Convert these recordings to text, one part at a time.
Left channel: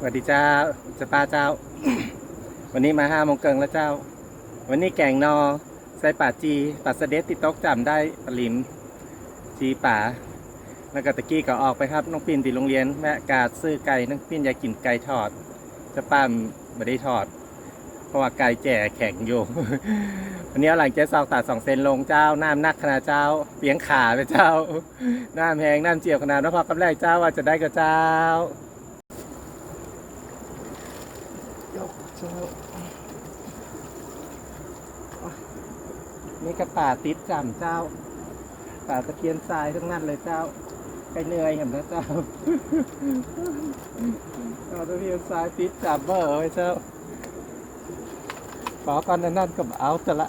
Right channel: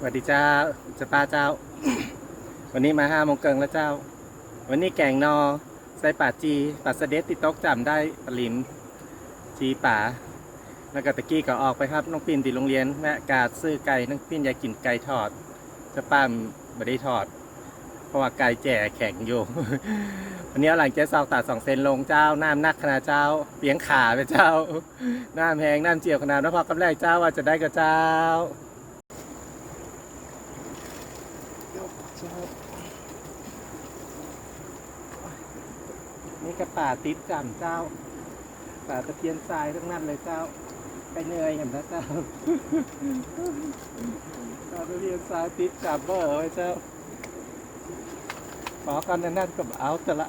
สวัสดีเจ้าจะป้าเจ้า วันนี้มาห้าโมงเกิงแล้วเจ้า วันนี้แกงนอใส่ป่าจีป่าสเด็ดติดต๊กจำได้ปลาลิมจีป่าแล้วก็ตะกี้ก็ออกไปครับน้องปิ่นติโรงเรียนแม่กาดซื้อไก่น้องปิ่นอยากกินไก่ทอด จะป้ามไม่ได้ทอด เพราะว่าไก่แจ่แข็งอยู่ วันนี้หลังเจ๊ซอกตัดสองเซนลงเจ้าน้ำนักขนาดเจ้าเปียงขาไปเจ้าน้ำแหงน้ำเจียวขนาดแล้วพอกำแรกเจ้าว่าจะได้กับเจ้า จ้านี่ก็ป่าติดจำเจ้า ป่าตะเพียนทรายทั้งนั้นเลยเจ้า ไปเหนื่อยเห็นนะเจ้าป่าตะเพียนทรายติดจำเบอร์ไว้เจ้าขอกันนั่นก็เอาแต่ละ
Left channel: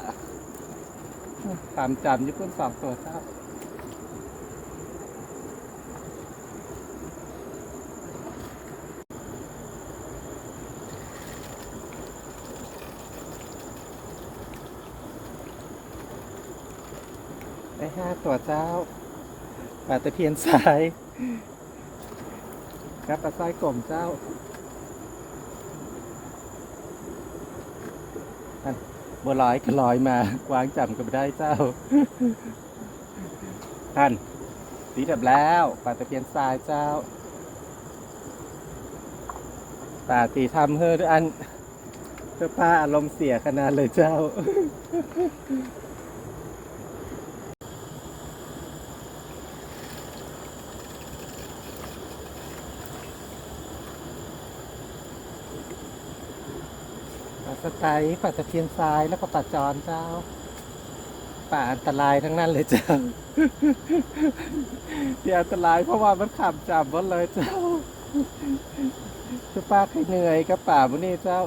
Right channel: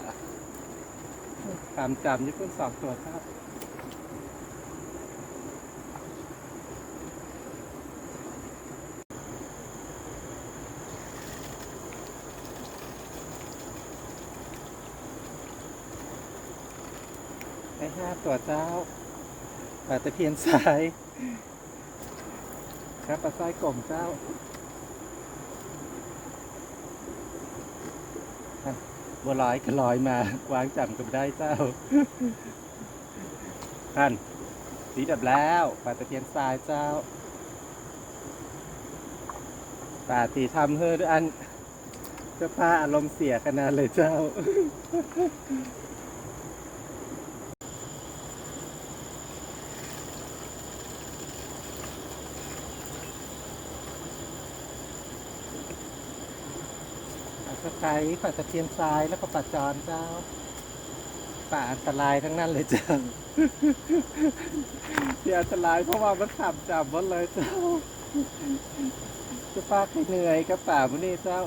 ตามจำญี่ปุ่นสองตัวเจ้า ห้าตัวเจ้าปลาตะเพียนสายครับปลาสร้อยกลมเจ้าอันบัวลอยก็ลอยมากวางจำก็ไม่ได้เจ้า ท่านสีดับแล้วปลาตะเพียนทรายเจ้าปลาตีทำเฮ้อด้วยอันเพื่อป้าอารมณ์เสียขนาดเลยเจ้า ปลาส ไตล์ปลาตะเพียนทรายแล้วก็ปลาจอนเจ้า ป่าอันตรายทั้งนั้นเลยเจ้าที่อันตรายเพราะว่ามันขับจับหมดเลยเจ้าจะป้าใครเหนื่อยกับป่ามันนี่เจ้า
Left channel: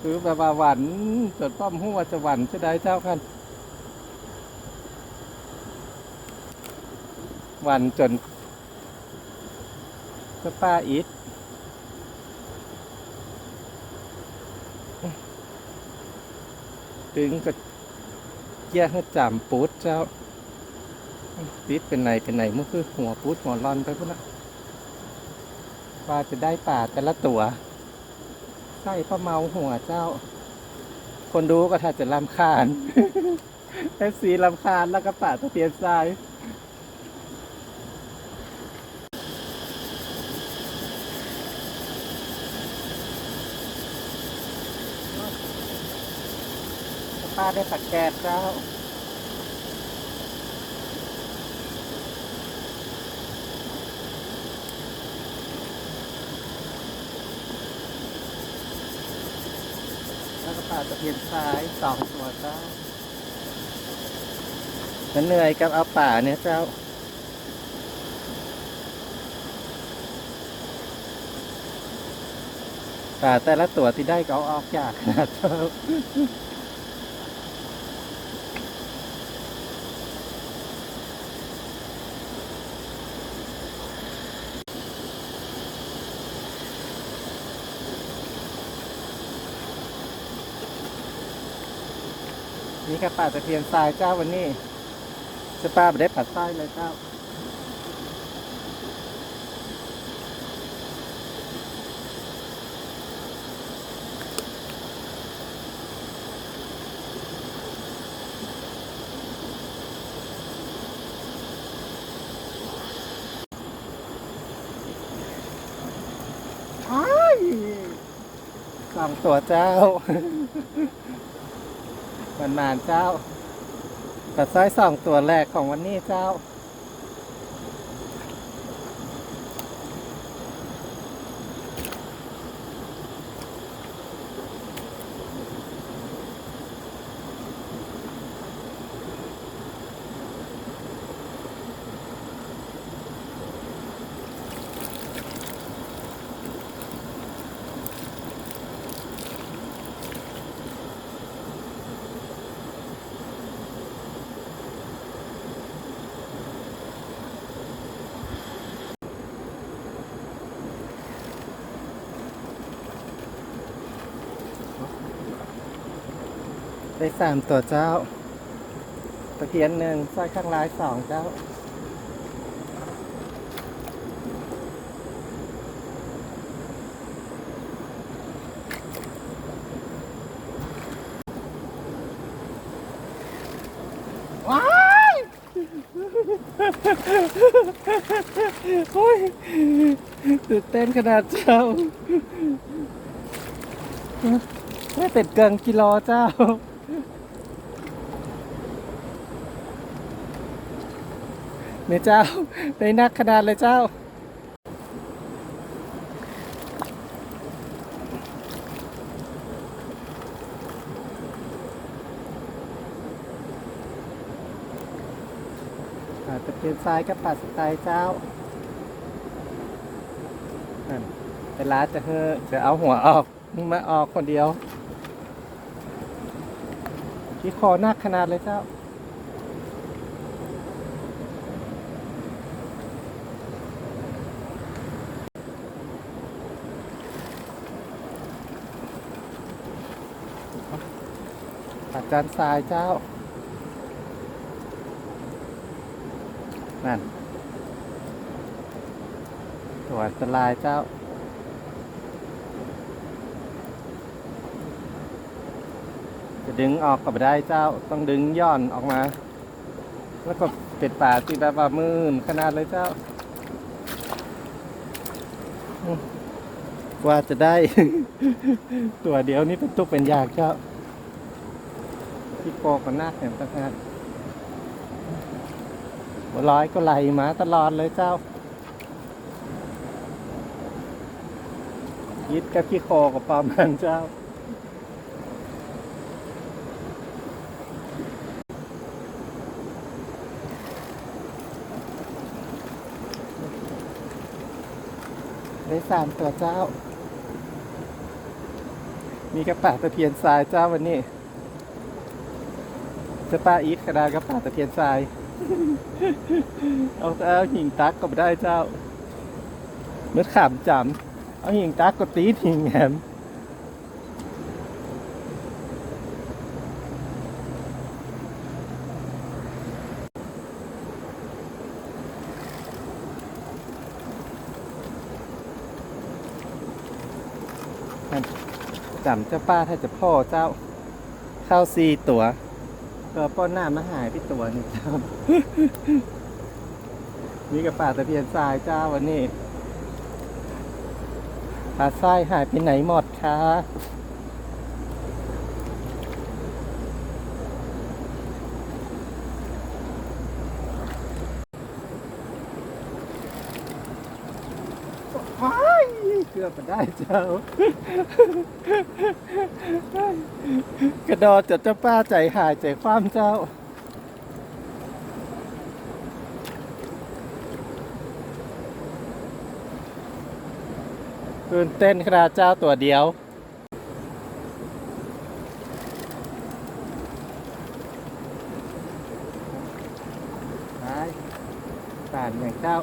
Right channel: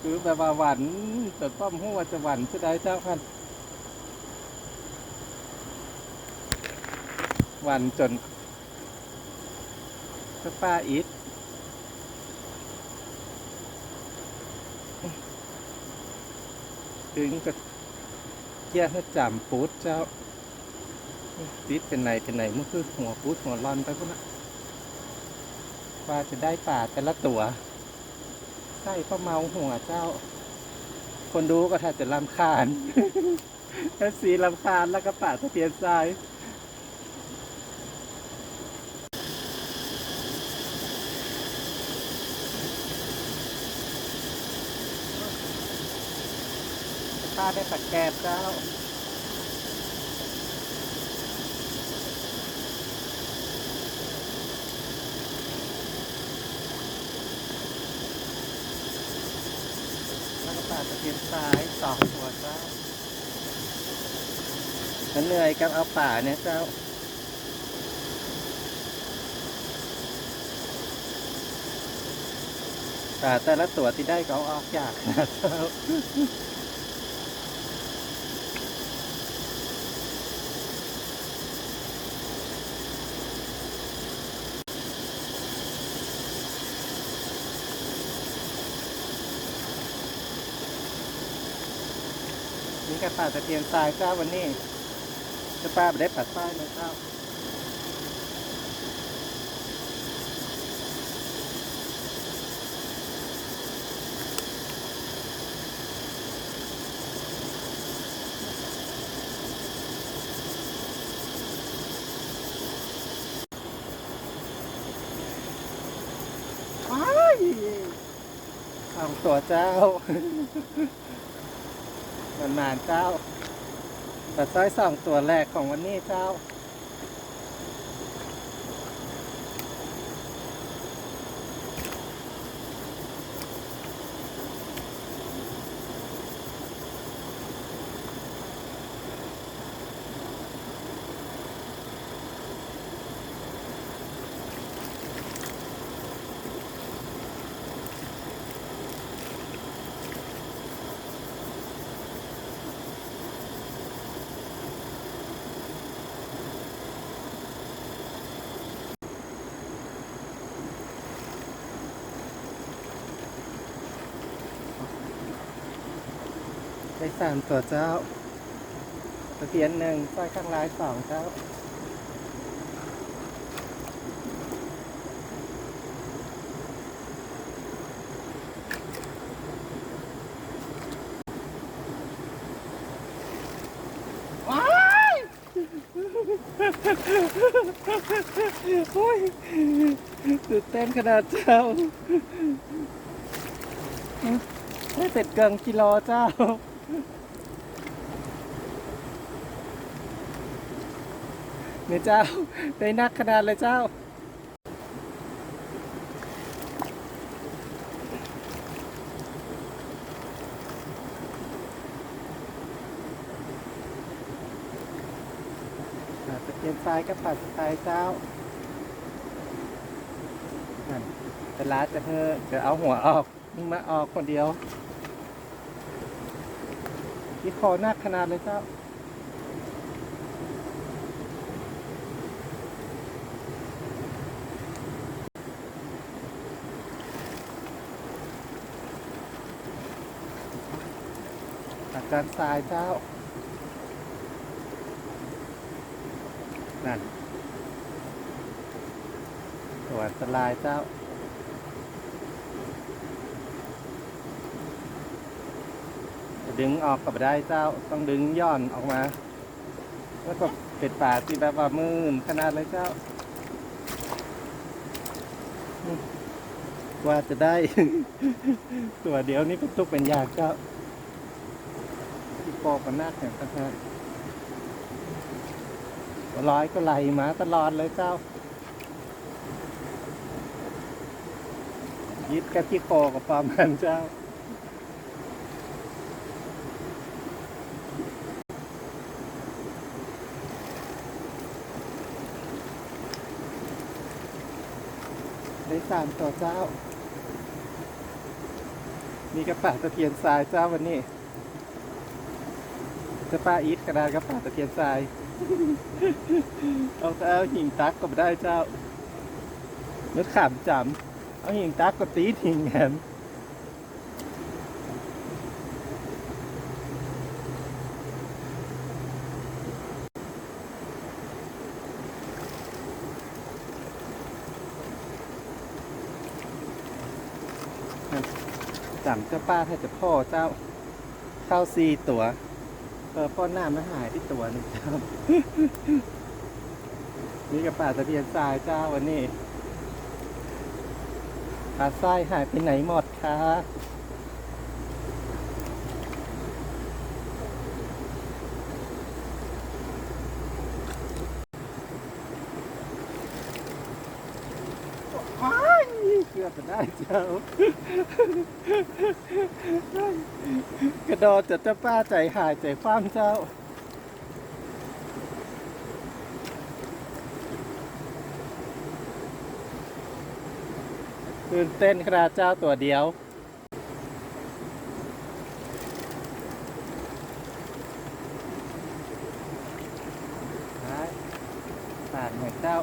คือแบบว่าหวันจนป้อมหัวจะหวันจะได้เจ้าคันหวันจนก็ป้าอิด ถึงก็แยกให้จำปูดเจ้าติดเป็นไหนเป็นไหนมันคือหัวปูดหัวรอนไปพุ่นละว่าจะได้ป่าแต่ละตัวใส่ป้าเมาหัวเจ้า คนดูก็แทบจะลำคาญเอฟซีลำคาญแล้วก็ป่าตะเพียนทราย ป้าได้ปัดแกดเจ้าแล้วก็ปลาตะเพียนซ้ายสองตัวเจ้าฉันเหนื่อยกับเอาป่าเนี่ยเจ้าป่าแต่ละตัวที่ได้ก็เอาออกจากนะเจ้า นี่ก็ป่าตะเพียนทรายเจ้าวันนี้จะป้าไม่ได้ปัดทรายเลยเจ้าอ้ายสองตัวเจ้า มันนานเจ้าแต่ไส้สองตัวแรกของวันนี้เจ้า ได้สามตัวเจ้า ตะเพียนหนึ่งสร้อยข้างลายสองเจ้า ว้ายโอ้ยตื่นเต้นขนาดเจ้านี่เป็นเกินกิโลเจ้า เนี่ยเจ้า ได้นักขนาดเลยเจ้า ตะเกียนทรายกับป่าสไตล์เจ้านั่นเวลาจะเธอจะเอาหัวออก นี่มาออกคนเดียว ที่คอหนักขนาดเลยเจ้าอาจารย์ทรายเจ้า นั่นตัวอันตรายเจ้า จะ ดึงออกก็ไม่ได้เจ้าต้องดึงย่อนออกมา แล้วก็เก็ดป่าตีแบบว่ามืนขนาดเลยเจ้า กว่าจะได้ ตัวเดียวนี่เป็นทุกเป็นยากเจ้าที่โปกมันนักเนกันครับร้อยก็ไหลมาตลอดเลยเจ้ายิดกับขี้โคกับปลามันเจ้า สามตัวเจ้า มีกระป๋าตะเพียนทรายเจ้าวันนี้จะป้าอีทกระดากระป๋าตะเพียนทราย เอาเอาหิงตักก็ไม่ได้เจ้าเนื้อขามจำเอาหิงตักก็ตีหิ่งแหมามเจ้าป้าถ้าจะพ่อเจ้าเข้าซีตัวก็ป้อนหน้ามาหายที่ตัวหนึงเจ้านี่กับป่าตะเพียนทรายเจ้าวันนี้ปลาทรายหายไปไหนหมดคะว้ายเกือบจะได้เจ้ากระดดจะเจ้าป้าใจหายใจคว่ำเจ้าตื่นเต้นขนาดเจ้าตัวเดียวปป่านอย่างเจ้า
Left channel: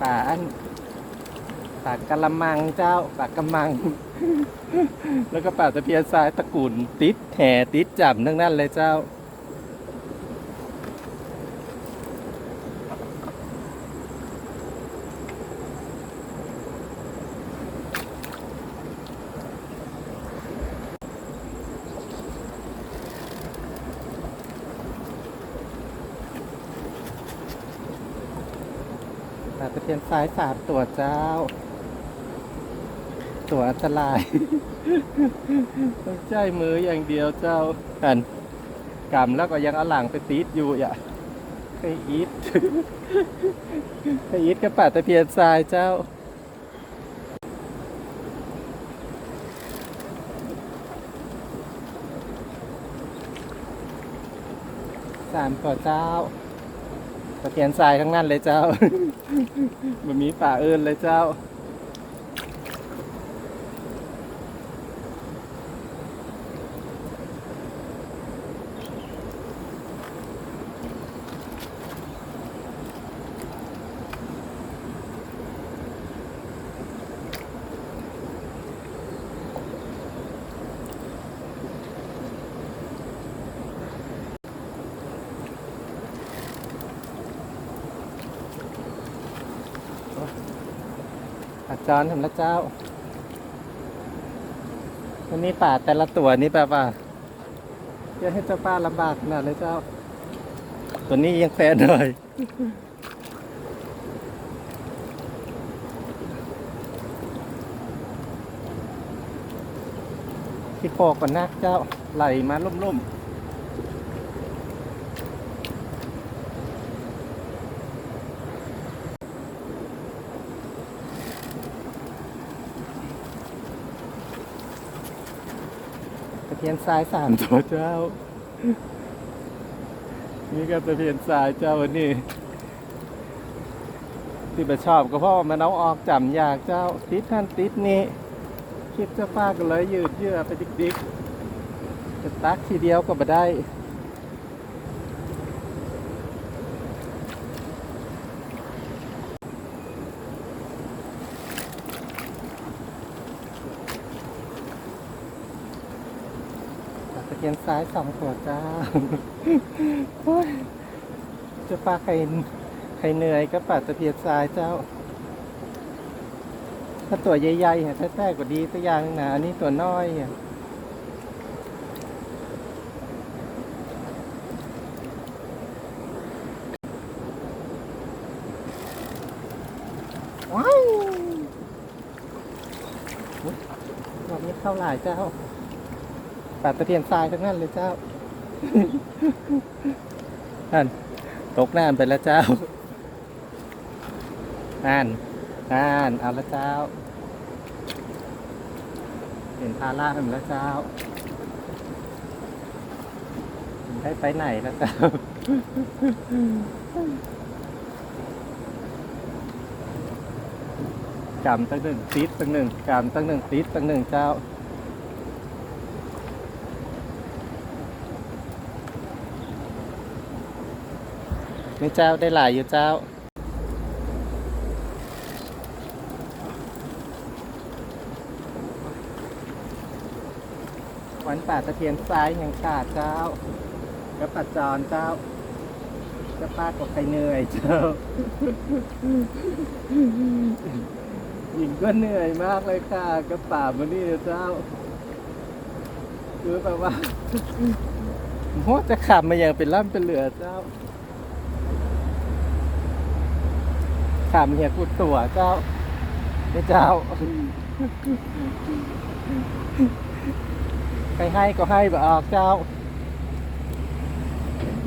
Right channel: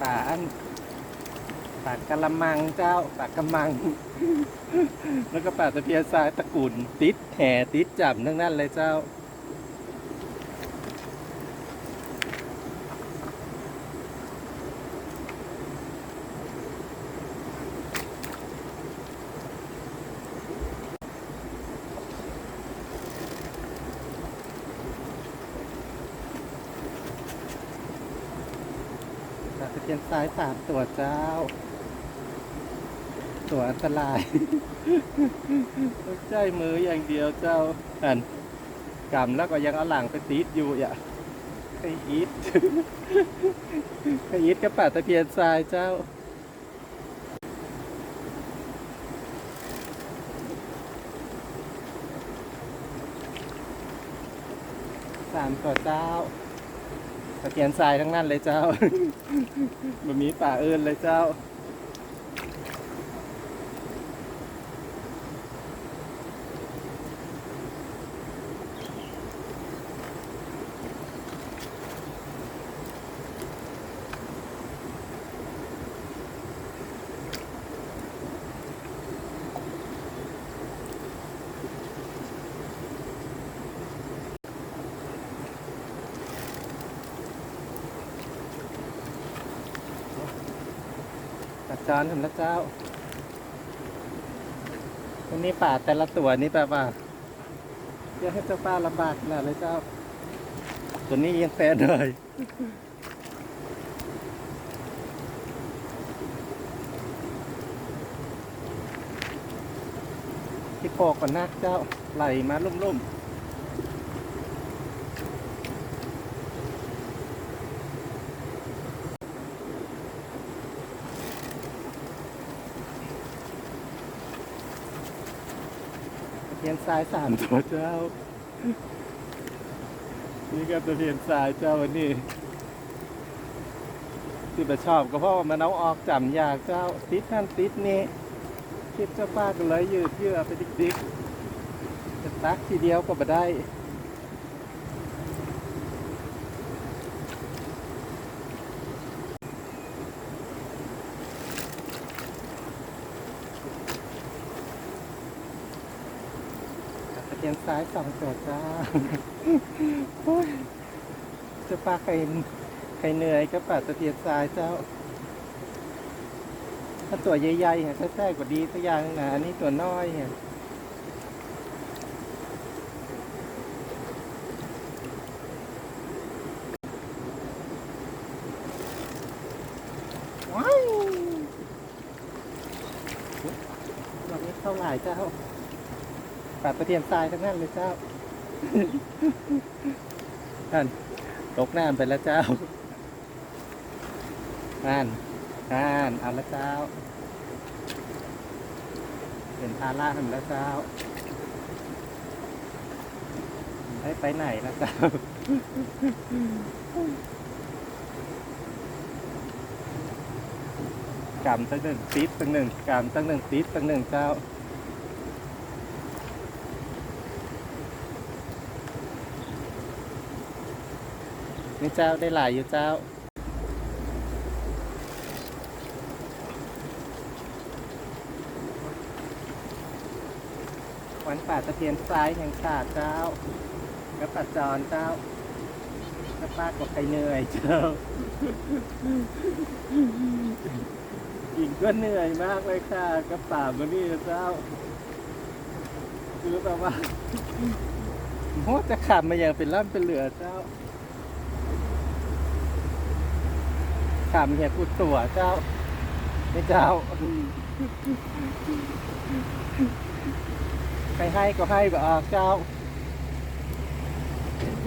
ป่าอัน ป่ากะละมังเจ้าป่ากะมัง แล้วก็ป่าตะเพียนทรายตะกุ่นติดแห่ติดจับทั้งนั้นเลยเจ้าปลาตะเพียนซ้ายสามตัวเจ้า ตัวอันตรายต้องใจมืออย่างเดียวเจ้าอันกำแล้วก็ยังเอาหลังไปตีดอยู่อะไปอีทไปอีทกับป่าตะเพียนทรายเจ้าสามตัวเจ้าตะเกียนทรายทั้งนั้นเลยเจ้ามันมีป่าเอิญเลยเจ้า จารย์เห็นแล้วเจ้าวันนี้ป่าแต่ละตัวนี่แบบว่าจะให้เจ้าป้าลำบากขนาดเลยเจ้า ตัวนี้ยังแฟนหน่อยที่คอก่อนนะเจ้าไหลมาล่มๆตะเพีย นทรายสามตัวเจ้า นี่ก็ตะเพียนทรายเจ้าวันนี้ ที่ไปชอบก็เพราะว่ามันเอาออกจำยากเจ้า ติดนั่นติดนี่คลิปเจ้าป้าก็เลยยืดเยื้อไปดิกๆจะตักทีเดียวก็บ่ได้ ขียงซ้ายสองตัวจ้าจ้าป้าใครใครเหนื่อยก็ปัดตะเพียงซ้ายเจ้า ถ้าตัวใหญ่ๆอะถ้าแท้กว่าดีก็ยังนะอันนี้ตัวน้อยอะว้าวแบบนี้เข้าไหลายเจ้า ตัดตะเพียนทรายทั้งนั้นเลยเจ้านั่นตกน้ำไปแล้วเจ้านั่นอ่านเอาละเจ้า เห็นพาล่าเห็นแล้วเจ้าให้ไปไหนแล้วเจ้ากำตั้งหนึ่งติดตั้งหนึ่งกำตั้งหนึ่งติดตั้งหนึ่งเจ้า นี่เจ้าได้หลายอยู่เจ้าวันป่าตะเพียนซ้ายยังขาเจ้าก็ตัดจรเจ้าก็ป้าก็ไปเหนื่อยเจ้า หญิงก็เหนื่อยมากเลยค่ะก็ป่ามานี่เจ้า คือแบบว่าโมจะขับมาอย่างเป็นล่ำเป็นเหลือเจ้า ขับเฮียกูตัวเจ้าพระเจ้า ไปให้ก็ให้ก็ออกเจ้า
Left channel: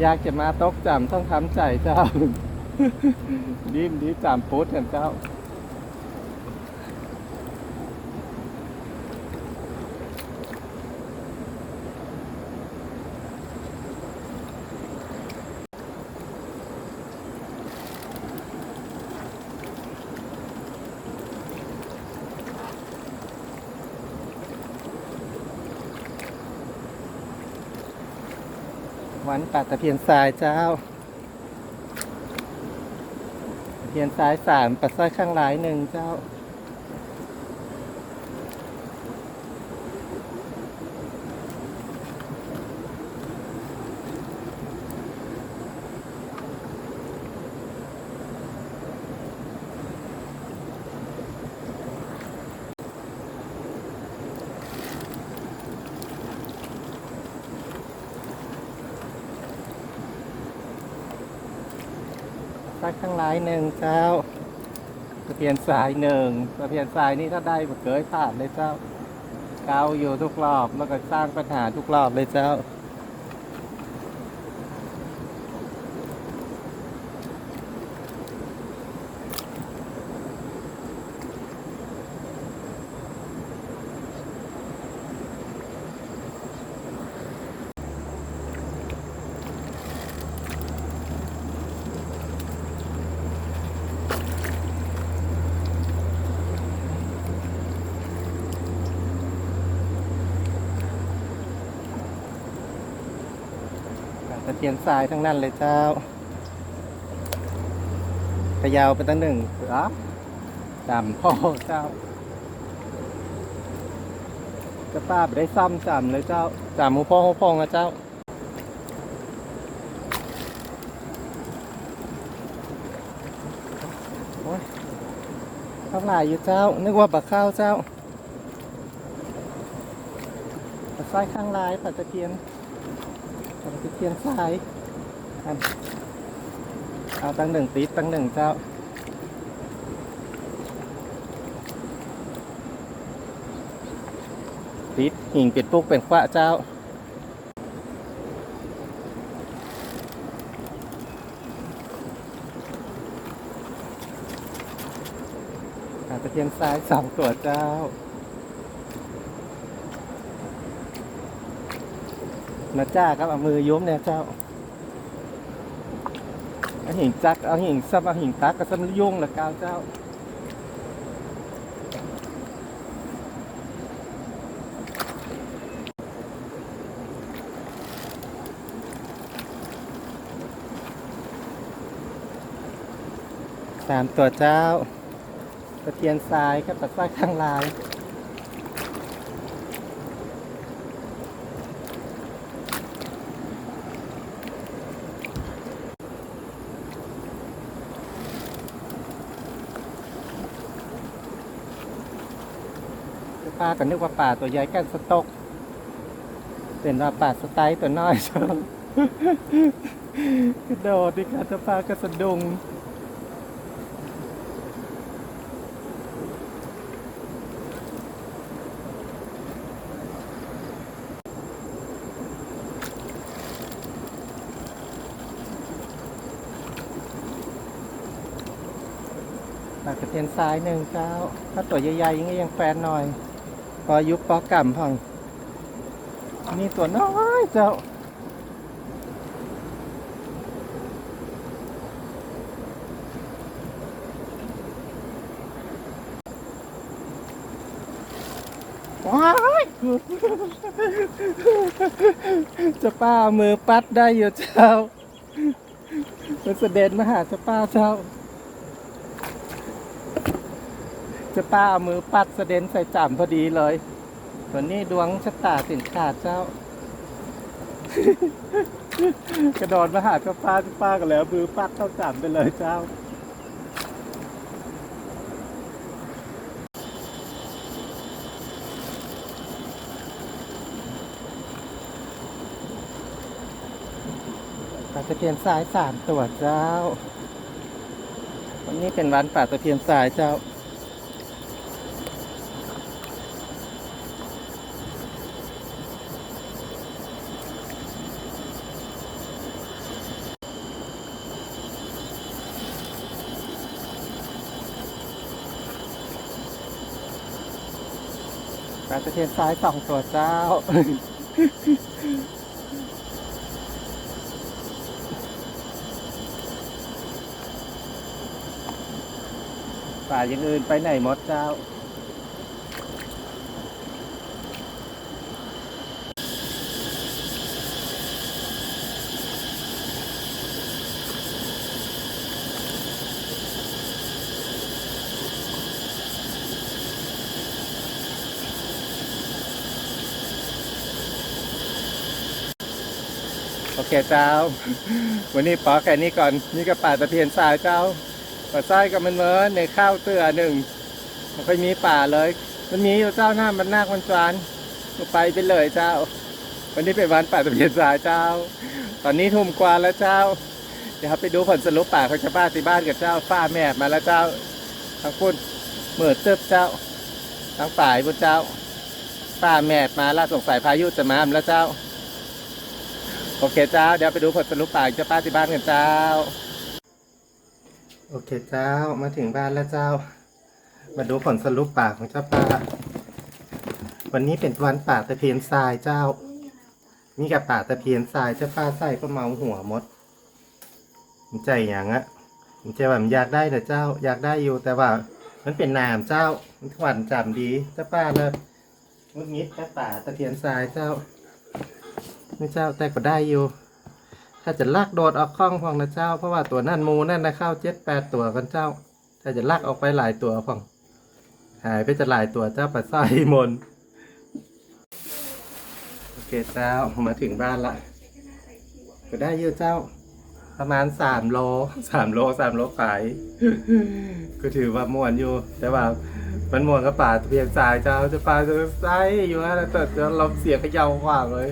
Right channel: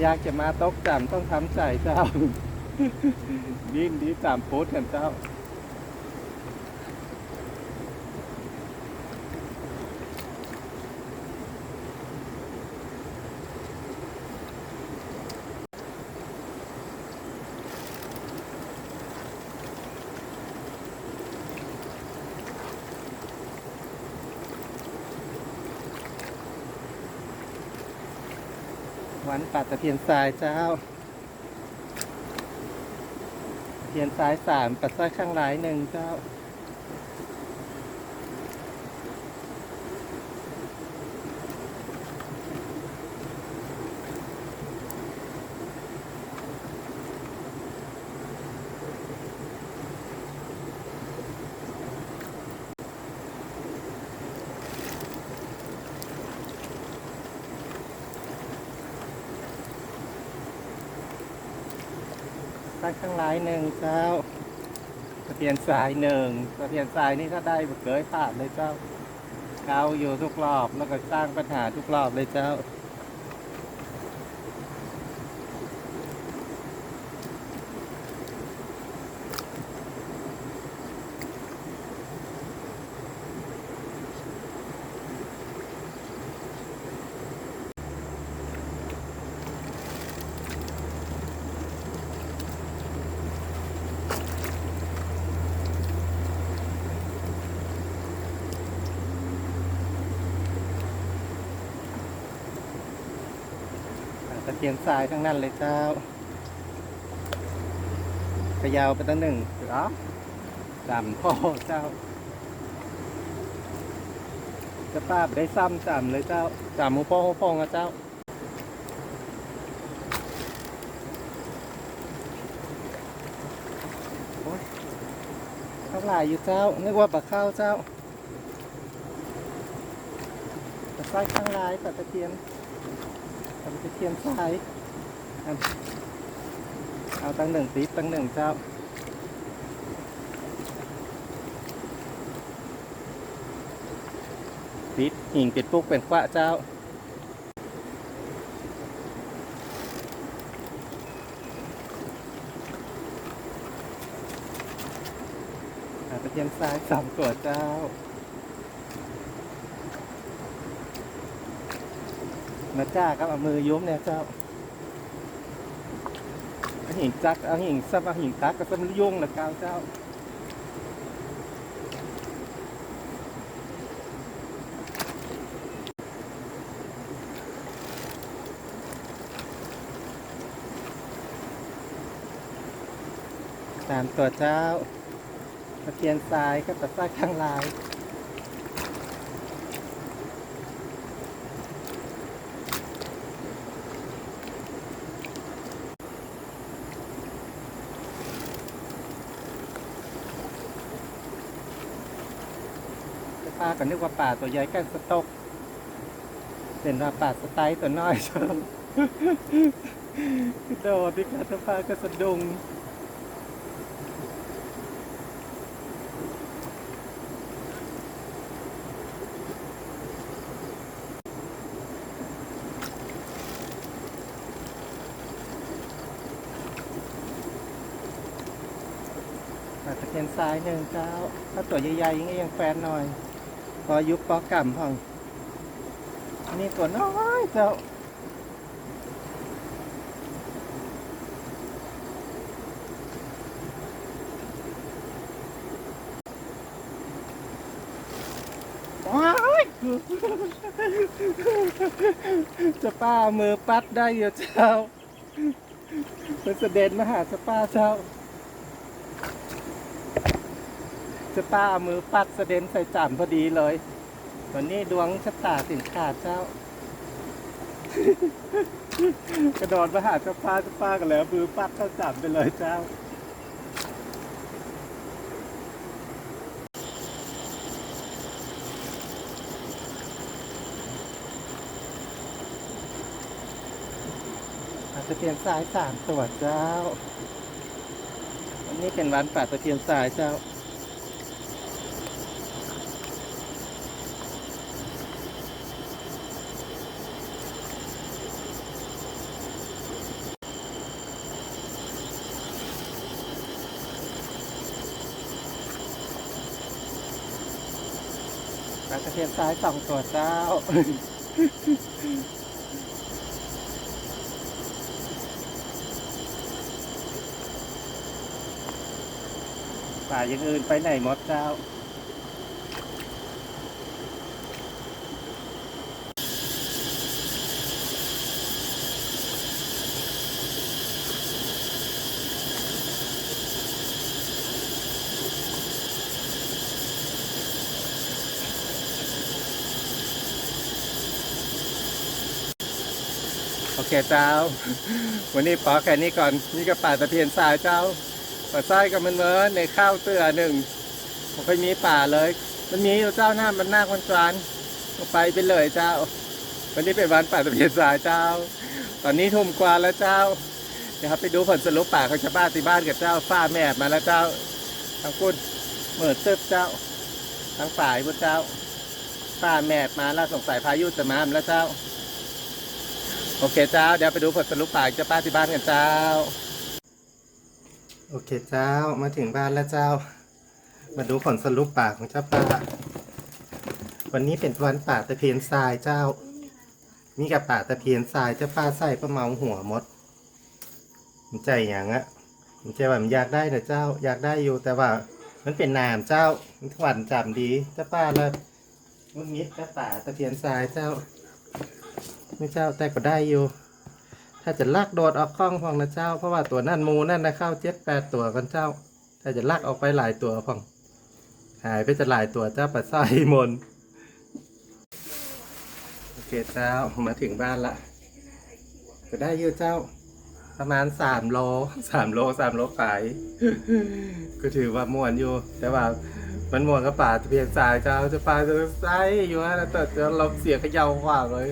อยากจะมาตกจำต้องทำใจเจ้า ดิ้มดีจำโพสกันเจ้าานป่าตะเพียนทรายเจ้าตะเพียนทรายสามปัดสร้อยข้างหลายหนึ่งเจ้า ทั้งหลายหนึ่งเจ้าตะเพียนสายหนึ่งตะเพียนสายนี่ถ้าได้เกิดขาดเลยเจ้าเกาอยู่ทุกรอบแล้วก็สร้างปัญหาทุกรอบเลยเจ้าะเพียนทรายทั้งนั้นเลยเจ้าพยาวไปตั้งหนึ่งหรอจำพ่อเจ้า จะป้าไปได้ซ้ำจำเลยเจ้าจำหูพ่อหูพองนะเจ้าข้างหลายอยู่เจ้า นึกว่าปลาข้าวเจ้าปลาสร้ข้างลายปลาตะเพียน ปลาตะเพียนทรายเอาตั้งหนึ่งติดตั้งหนึ่งเจ้าติดหิ่งเป็ดปุกเป็นขวะเจ้าหาตะเพียนซ้ายสองตัวเจ้า มาจ้าก็เอามือยุ้มเนี่ยเจ้าเอาหิ่งจักเอาหิ่งซับเอาหิ่งตักก็ซับยุ่งละกาวเจ้าสามตัวเจ้าตะเพียนทรายก็ตะไส้ข้างลาย ปลากันนึกว่าป่าตัวใหญ่กันสตก เป็นว่าป่าสไตล์ตัวน้อยชนโดดดิค่ะจะปลากระสะดุงปลากระเทียนซ้ายหนึ่งเจ้า ถ้าตัวใหญ่ๆอยังไงยังแฟนหน่อย อยุบปอกำพองนี่ตัวน้อยเจ้าว้ายจะป้าเอามือปัดได้อยู่เจ้าจะเสด็จมาหาจะป้าเจ้า จะป้าเอามือปัดเสด็นใส่จ่ำพอดีเลย วันนี้ดวงชะตาถึงขาดเจ้า กระโดดมาหาเจ้าป้าเจ้าป้ากันแล้วมือปัดเข้าจ่ำไปเลยเจ้าปลาตะเพียนทรายสามตัวเจ้า วันนี้เป็นวันป่าตะเพียนทรายเจ้า ปลาตะเพียนซ้ายสองตัวเจ้า ป่าอย่างอื่นไปไหนหมดเจ้า โอเคเจ้า วันนี้ปอแค่นี้ก่อนนี่ก็ป่าตะเพียนทรายเจ้าป่าทรายกับมันเมินในข้าวเตือหนึ่งมันค่อยมีป่าเลย มันมีอยู่เจ้าหน้ามันนาคมันจวนไปไปเลยเจ้า วันนี้เป็นวันป่าตะเพียนทรายเจ้า ตอนนี้ทุ่มกว่าแล้วเจ้า เดี๋ยวครับไปดูผลสรุปป่าของชาวบ้านที่บ้านกับเจ้าฝ้าแม่มาแล้วเจ้าทั้งคุณเหมือดเติบเจ้าทั้งฝ่ายบุญเจ้าฝ้าแม่มาล่าสงสัยพายุจะมาแล้วเจ้า โอเคเจ้า เดี๋ยวไปดูผลสรุปป่าเจ้าป้าที่บ้านกันเจ้า โอเคเจ้ามาถึงบ้านแล้วเจ้า มาดูผลสรุปป่าของเจ้าป้า วันนี้เป็นวันป่าตะเพียนทรายเจ้า นี่กับป่าตะเพียนทรายเจ้าป้าใส่ประมาณหัวมดมันใจอย่างอะมันใจว่ามันอยากได้นะเจ้า อยากได้อยู่แต่ว่า มันเป็นนามเจ้ามันหวานจำดีเจ้าป้าเลยมุดมิดกับป่าตะเพียนทรายเจ้า ไม่เจ้าแต่ก็ได้อยู่ ถ้าจะลากโดดออกคล้องพองนะเจ้า เพราะว่าตัวนั่นมูนั่นนะเข้าเจ็ดแปดตัวกันเจ้า ถ้าจะลากออกไปหลายตัวพอง หายไปจะหลายตัวเจ้าปัดไส้มนโอเคเจ้ามาถึงบ้านละก็ได้เยอะเจ้า ประมาณสามโลสามโลสามโลขายก็ถือว่าม่วนอยู่ แต่ว่ามันม่วนกับป่าตะเพียนสายเจ้าจะป่าจะไส้อยู่ฮะแต่จะเราเสียขย่าวขวางเลย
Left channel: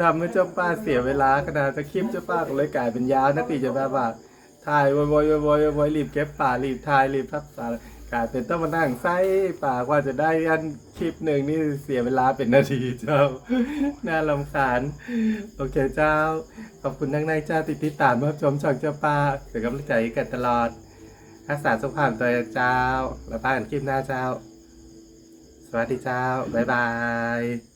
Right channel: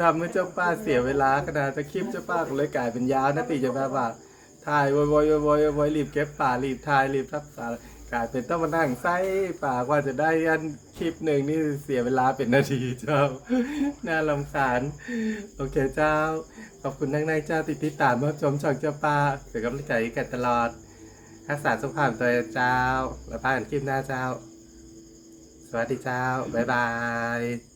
ทำให้เจ้าป้าเสียเวลาขนาดจะคลิปเจ้าป้าก็เลยกลายเป็นยาวนะตีจะแบบว่าถ่ายบ่อยๆบ่อยๆบ่อยรีบเก็บป่ารีบถ่ายรีบทับสารกลายเป็นต้องมานั่งไส้ป่ากว่าจะได้อันคลิปหนึ่งนี่เสียเวลาเป็นนาทีเจ้า น่าลำคาญ โอเคเจ้า ขอบคุณนักในเจ้าติดติดตามรับชมช่องเจ้าป่าเป็นกำลังใจกันตลอดรักษาสุขภาพตัวเจ้า แล้วพากันคลิปหน้าเจ้า สวัสดีเจ้า บ๊ายบาย